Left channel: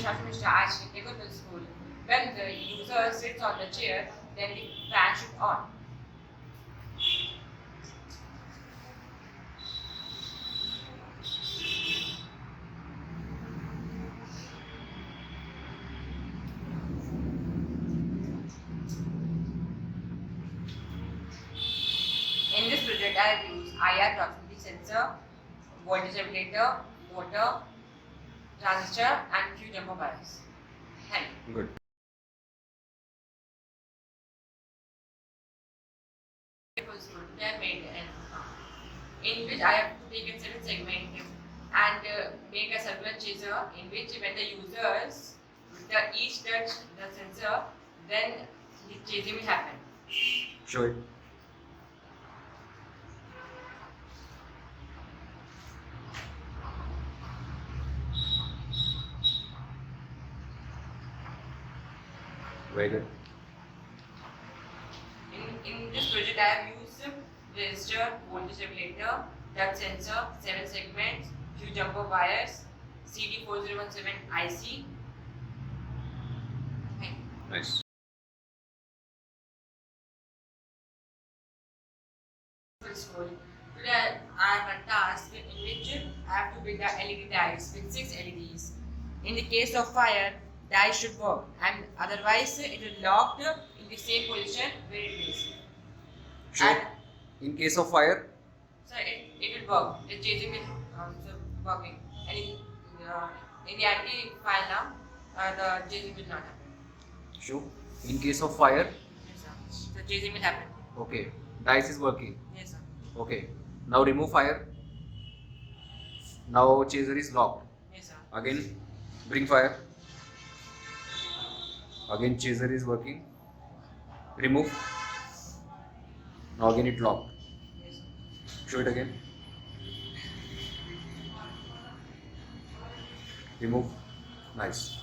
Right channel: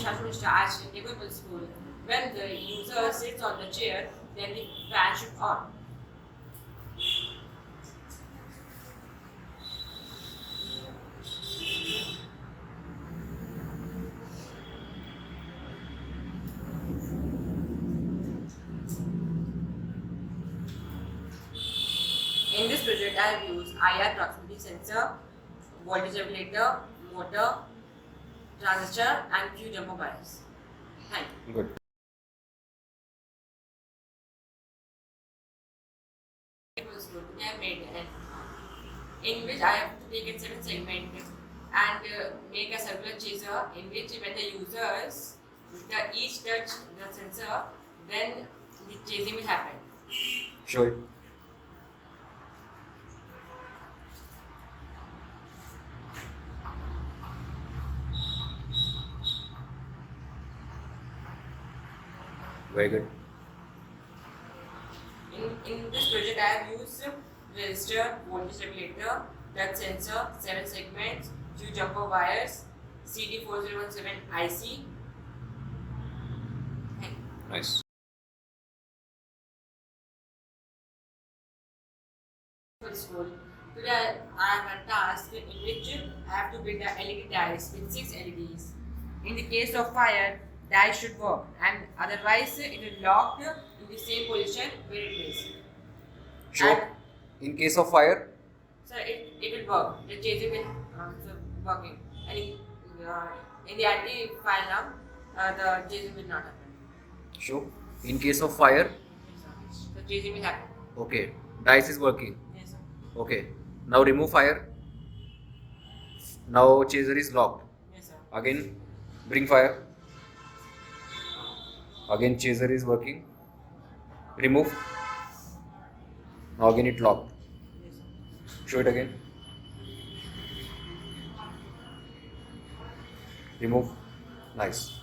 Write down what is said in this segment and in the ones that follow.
is Shashwat at Tagore Public School. When the user sits on the chair, then the fan should on. In this project, I have used IR proximity sensor, voltage regulator, motor, transistor, and few jumper wires. Thank you. Good. It was good. They have made in which I have taken 7 segments and make a circular chaser in which when the users each touch the sensor, then the chasing will happen. Show it. Very good. In this project, I have used resistor, voltage regulator, touch sensor, 7 segments, few jumper wires, CD4017 IC. Thank you. Nice. School. Today I have a task in which I have to build the LED dies with 6 LEDs. In the case of fire, dies should work, and otherwise it will lock in the same position where it is. Sure. And In case of fire, so it will work. The chasing will also working. And in the anti-fire lamp, the chasing will not happen. show. In case of fire, Yes, sir. The chasing will happen. okay. Dice is working. Yes, sir. Okay. Now remove fire. Now chaser is locked. Yes, sir. Again, bring fire. Again, chaser is working. Remove. Now again it locked. Yes, sir. Show it again. Remove. Nice.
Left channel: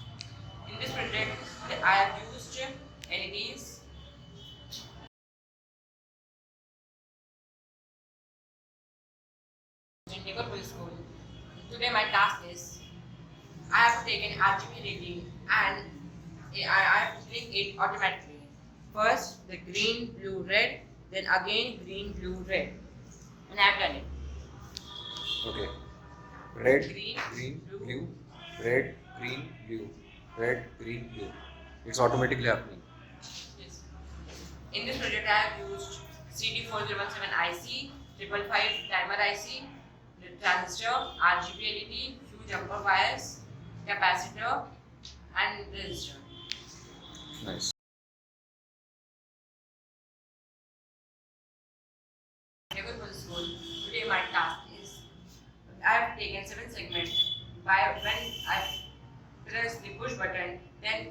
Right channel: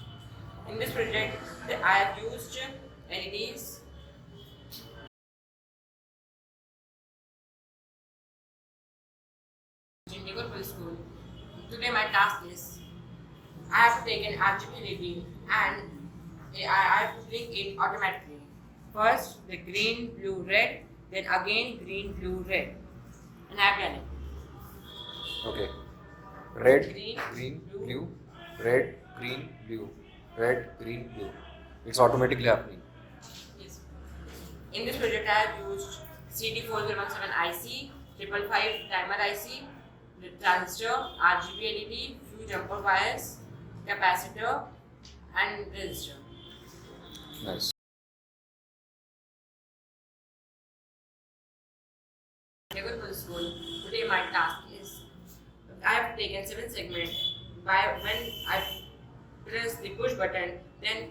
In this project, I have used LEDs. In Tagore Public School. Today my task is I have taken RGB LED and I have to click it automatically. First the green, blue, red, then again green, blue, red. And I have done it. Okay. Red, Green, green, blue. blue, red, green, blue, red, green, blue. It's automatically happening. Yes. In this project, I have used CD4017 IC, 555 timer IC, the transistor, RGB LED, few jumper wires, capacitor, and resistor. Nice. Tagore Public School. Today, my task is I have taken 7 segments. By when I press the push button, then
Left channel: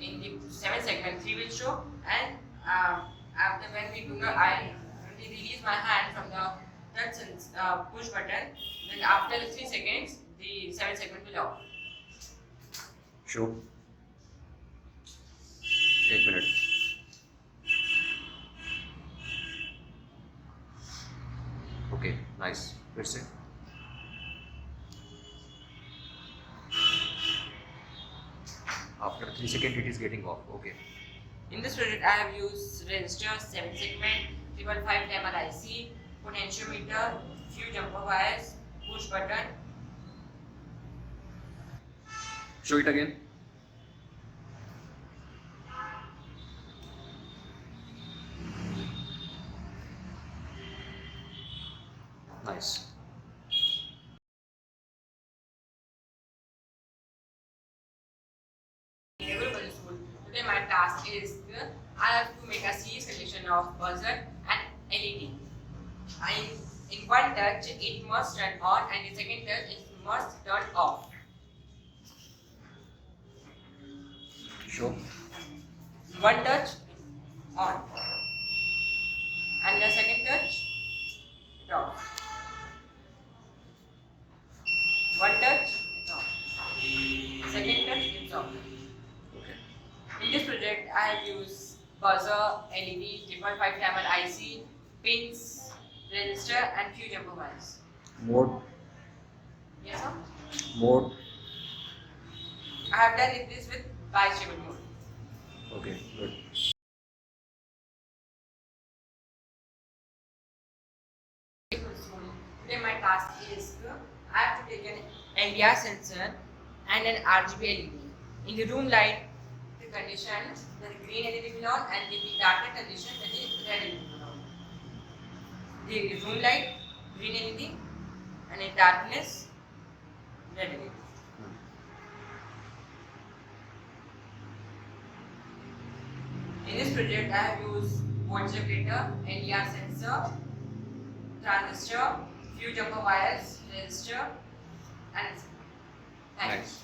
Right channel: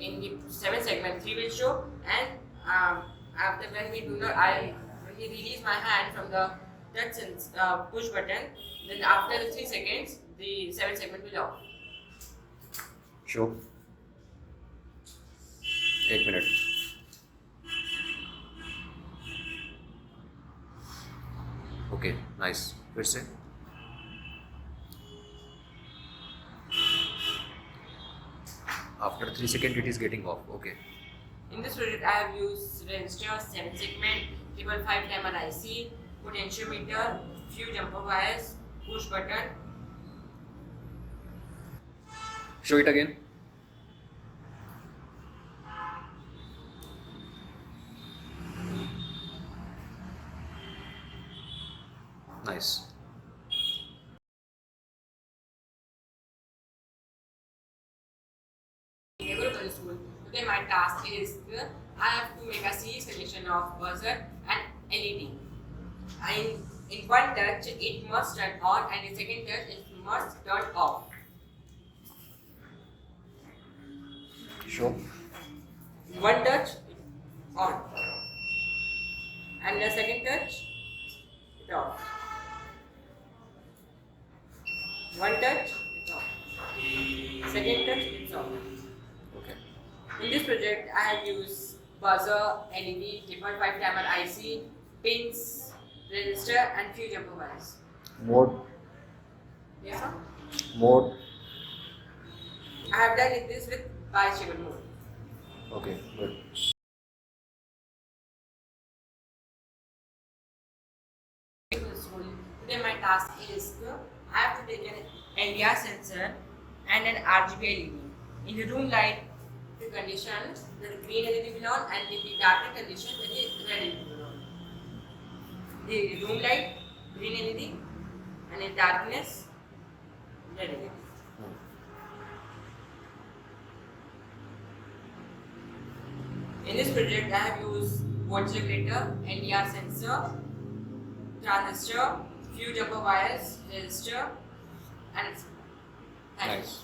in the 7 segment 3 will show, and after when we release my hand from the touch and push button, then after the 3 seconds the 7 segment will off. Show. 1 minute. Okay, nice. Let's say. After 3 seconds, it is getting off. Okay. In this project, I have used resistors, 7 segment, 555 timer IC, potentiometer, few jumper wires, push button. Show it again. Nice. Tagore Public School. Today my task is I have to make a series connection of buzzer and LED. In one touch it must turn on and in second touch it must turn off. Show. In one touch on and the second touch it off. One touch it's off. Second touch it's off. Okay. In this project, I have used buzzer, LED, 555 timer IC, pins, resistor, and few jumper wires. Mode. Yes, sir? Mode. I have done this with bistable mode. Okay, good. Today my task is I have to take an LDR sensor and an RGB LED. In the room light the conditions the green LED will on and in the darker condition the red LED will on. The room light green LED and in darkness red LED. In this project, I have used voltmeter, LDR sensor, transistor, few jumper wires, resistor, and Nice.